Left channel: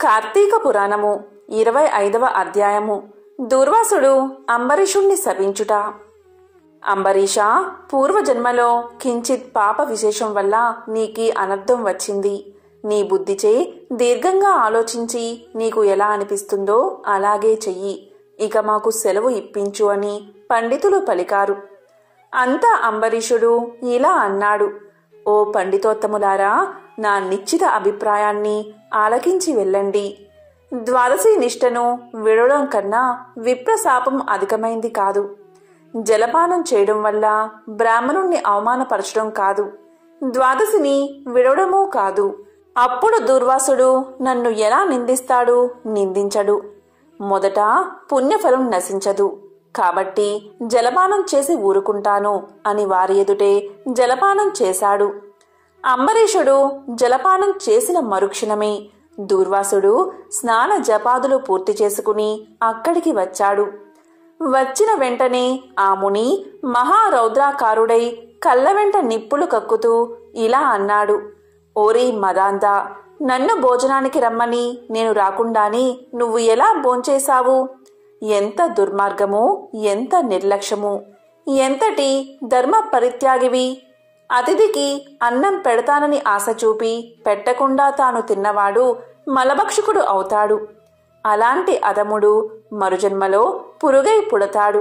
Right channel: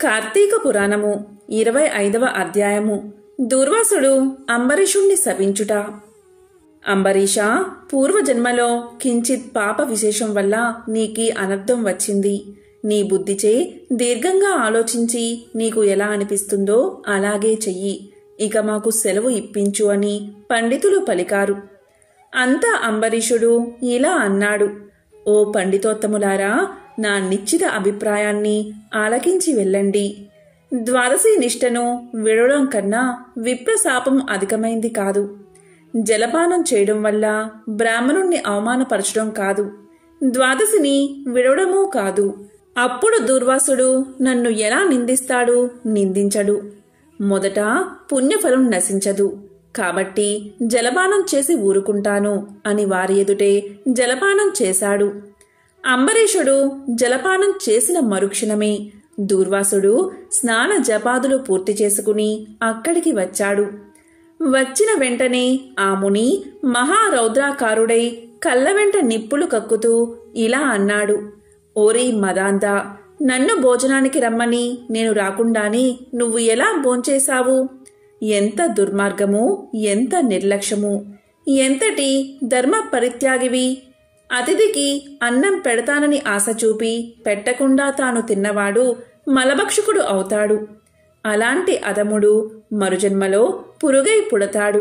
కార్తీక పురాణము 25వ అధ్యాయము. దూర్వాసుడు అంబరీషుణ్ణి శపించుట. అంబరీష, పూర్వజన్మలో కించిత్ పాప విశేషం వల్ల నీకీ అనర్థం వచ్చింది. నీ బుద్ధిచే దీర్ఘంగా ఆలోచించి నీకు ఎలా అనిపిస్తుందో అలాగే చెయ్యి. ఇక మాకు సెలవు ఇప్పించు అని పండితులు పలికారు. అంతా అంబరీషుడు ఇలా అన్నాడు: ఓ పండితోత్తములారా, నా నిశ్చిత అభిప్రాయాన్ని ఆలకించి వెళ్ళండి. ద్వాదశి నిష్టను విడవడం కన్నా విప్రశాపం అధికమైంది కాదు. జలపానం చేయడం వల్ల బ్రాహ్మణుణ్ణి అవమానపరచడం కాదు, ద్వాదశిని విడవడమూ కాదు. అప్పుడు దూర్వాసుడు నన్ను ఎలా నిందిస్తాడు? నిందించడు. మొదట పుణ్యఫలం నశించదు కాబట్టి జలపానం చేసి ఊరుకుంటాను అని వారి ఎదుటే జలపానం చేశాడు. అంబరీషుడు జలపానం చేసిన మరుక్షణమే దూర్వాసుడు స్నాన జపాదులు పూర్తి చేసుకుని అక్కడికి వచ్చాడు. వచ్చిన వెంటనే ఆ ముని మహారౌద్రాకారుడై కళ్ళ వెంట నిప్పులు కక్కుతూ ఇలా అన్నాడు: ఓరి మదాంతా, నన్ను భోజనానికి రమ్మని నేను రాకుండానే నువ్వు ఎలా భోంచేశావు? ఎంత దుర్మార్గము, ఎంత నిర్లక్ష్యము, ఎంతటి ధర్మ పరిత్యాగివి! అతిథికి అన్నం పెడతానని ఆశ చూపి పెట్టకుండా తాను తిన్నవాడు మలభక్షకుడు అవుతాడు. అలాంటి అధముడు మరుజన్మలో పురుగై పుడతాడు.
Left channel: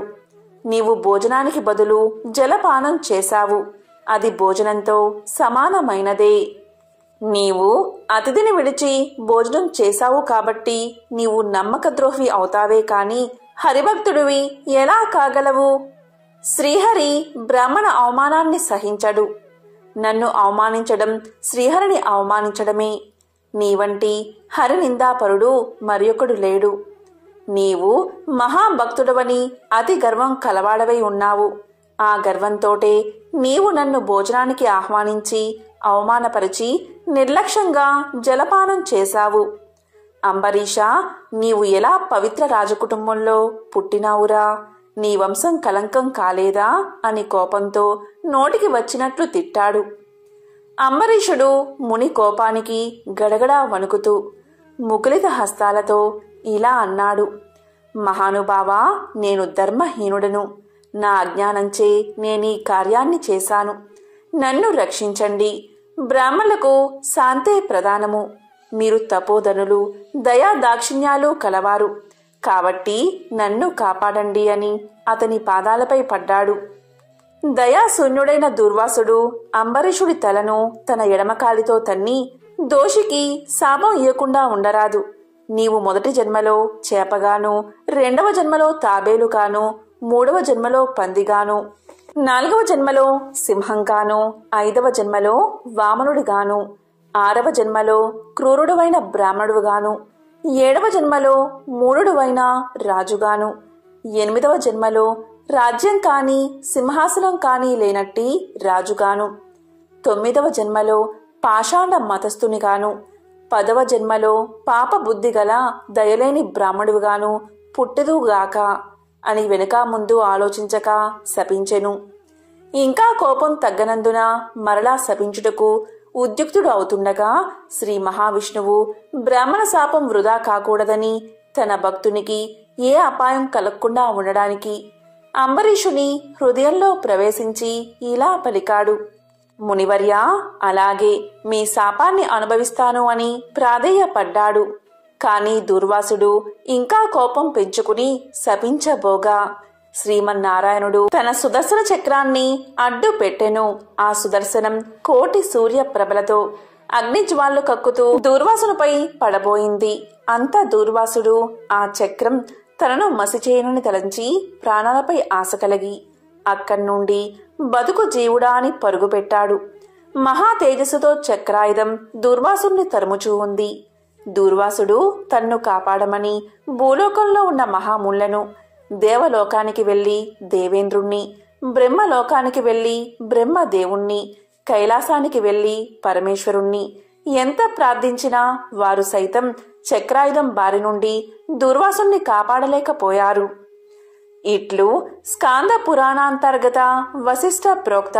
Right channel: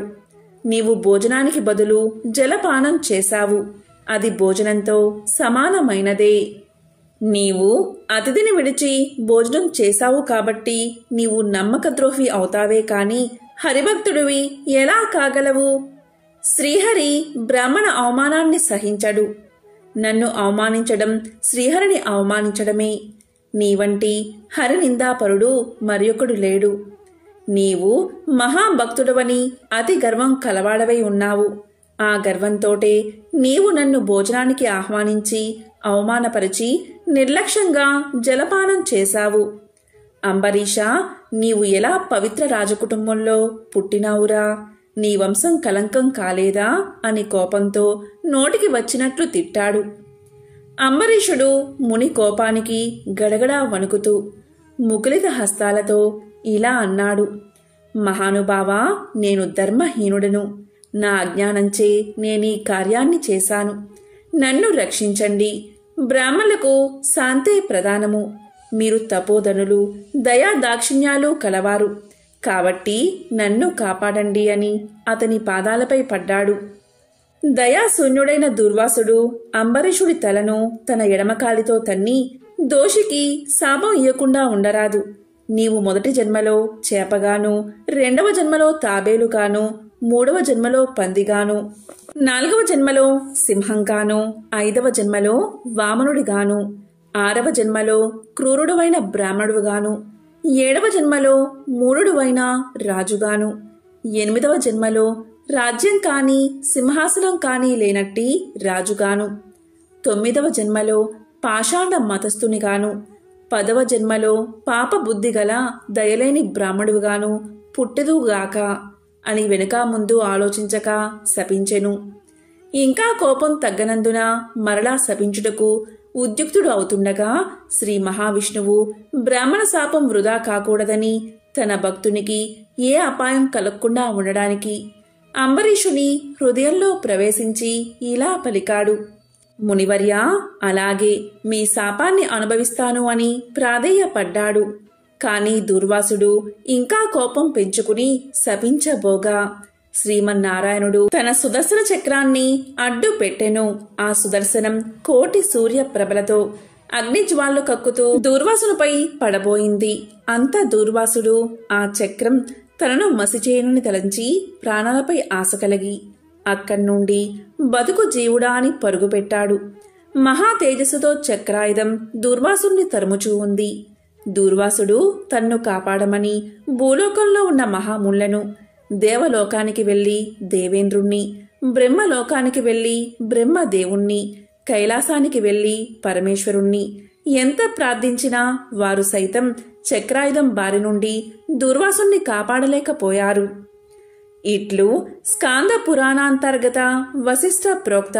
నీవు భోజనానికి బదులు జలపానం చేశావు. అది భోజనంతో సమానమైనదే. నీవు అతిథిని విడిచి భోజనం చేశావు కాబట్టి నీవు నమ్మకద్రోహి అవుతావే కాని హరిభక్తుడివి ఎలా కాగలవు? శ్రీహరి బ్రాహ్మణ అవమానాన్ని సహించడు. నన్ను అవమానించడం శ్రీహరిని అవమానించడమే. నీవంటి హరినిందాపరుడు మరియొకడు లేడు. నీవు మహాభక్తుడవని అతి గర్వం కలవాడవై ఉన్నావు. ఆ గర్వంతోటే నీవు నన్ను భోజనానికి ఆహ్వానించి అవమానపరిచి నిర్లక్ష్యంగా జలపానం చేశావు. అంబరీష, నీవు ఎలా పవిత్ర రాజకుటుంబంలో పుట్టినావురా? నీ వంశం కలంకం కాలేదా అని కోపంతో నోటికి వచ్చినట్లు తిట్టాడు. అంబరీషుడు ముని కోపానికి గడగడా వణుకుతూ ముకులిత హస్తాలతో ఇలా అన్నాడు: మహానుభావా, నేను ధర్మహీనుడను. నా అజ్ఞానంచే నేనీ కార్యాన్ని చేశాను. నన్ను రక్షించండి. బ్రాహ్మణులకు శాంతే ప్రధానము. మీరు తపోధనులు, దయా దాక్షిణ్యాలు కలవారు కాబట్టి నన్ను కాపాడండి అని అతని పాదాలపై పడ్డాడు. దయాశూన్యుడైన దూర్వాసుడు అంబరీషుడి తలను తన ఎడమకాలితో తన్ని, దోషికి శాపం ఇయ్యకుండా ఉండరాదు. నీవు మొదటి జన్మలో చేపగాను, రెండవ జన్మలో తాబేలుగాను, మూడవ జన్మలో పందిగాను, నాలుగవ జన్మలో సింహంగాను, ఐదవ జన్మలో వామనుడిగాను, ఆరవ జన్మలో క్రూరుడువైన బ్రాహ్మణుడుగాను, ఏడవ జన్మలో మూఢుడువైన రాజుగాను, ఎనిమిదవ జన్మలో రాజ్యం కాని సింహాసనం కాని లేనట్టి రాజుగాను, తొమ్మిదవ జన్మలో పాషాండ మతస్థునిగాను, 10వ జన్మలో పాప బుద్ధి గల దయలేని బ్రాహ్మణుడుగాను పుట్టెదుగాక అని వెనుక ముందు ఆలోచించక శపించెను. ఇంకా కోపం తగ్గనందున మరలా శపించుటకు ఉద్యుక్తుడు అవుతుండగా శ్రీ మహావిష్ణువు బ్రాహ్మణ శాపం వృధా కాకూడదని తన భక్తునికి ఏ అపాయం కలగకుండా ఉండడానికి అంబరీషుని హృదయంలో ప్రవేశించి ఇలా పలికాడు: మునివర్యా, అలాగే మీ శాపాన్ని అనుభవిస్తాను అని ప్రాధేయపడ్డాడు. కాని దూర్వాసుడు ఇంకా కోపం పెంచుకుని శపించబోగా శ్రీమన్నారాయణుడు తన సుదర్శన చక్రాన్ని అడ్డు పెట్టెను. ఆ సుదర్శనం కోటి సూర్య ప్రభలతో అగ్నిజ్వాలు కక్కుతూ దూర్వాసునిపై పడబోయింది. అంత దూర్వాసుడు ఆ చక్రం తనను మసిచేయనని తలంచి ప్రాణాలపై ఆశ కలిగి అక్కడ్నుండి బతుకు జీవుడా అని పరుగుపెట్టాడు. మహా తేజస్సుతో చక్రాయుధం దూర్వాసుని తరుముచూ ఉంది. దూర్వాసుడు తన్ను కాపాడమని భూలోకంలో ఉన్న మహాముళ్లను, దేవలోకానికి వెళ్లి దేవేంద్రుణ్ణి, బ్రహ్మలోకానికి వెళ్లి బ్రహ్మదేవుణ్ణి, కైలాసానికి వెళ్లి పరమేశ్వరుణ్ణి ఎంత ప్రార్థించినా వారు సైతం చక్రాయుధం బారి నుండి దూర్వాసుని కాపాడలేకపోయారు. ఇట్లు స్కాంద పురాణాంతర్గత వశిష్ఠ ప్రోక్త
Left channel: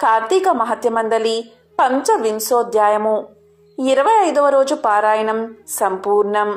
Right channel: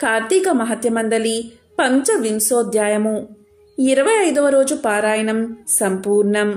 కార్తీక మహత్యమందలి 15వ అధ్యాయము. 25వ రోజు పారాయణం సంపూర్ణం.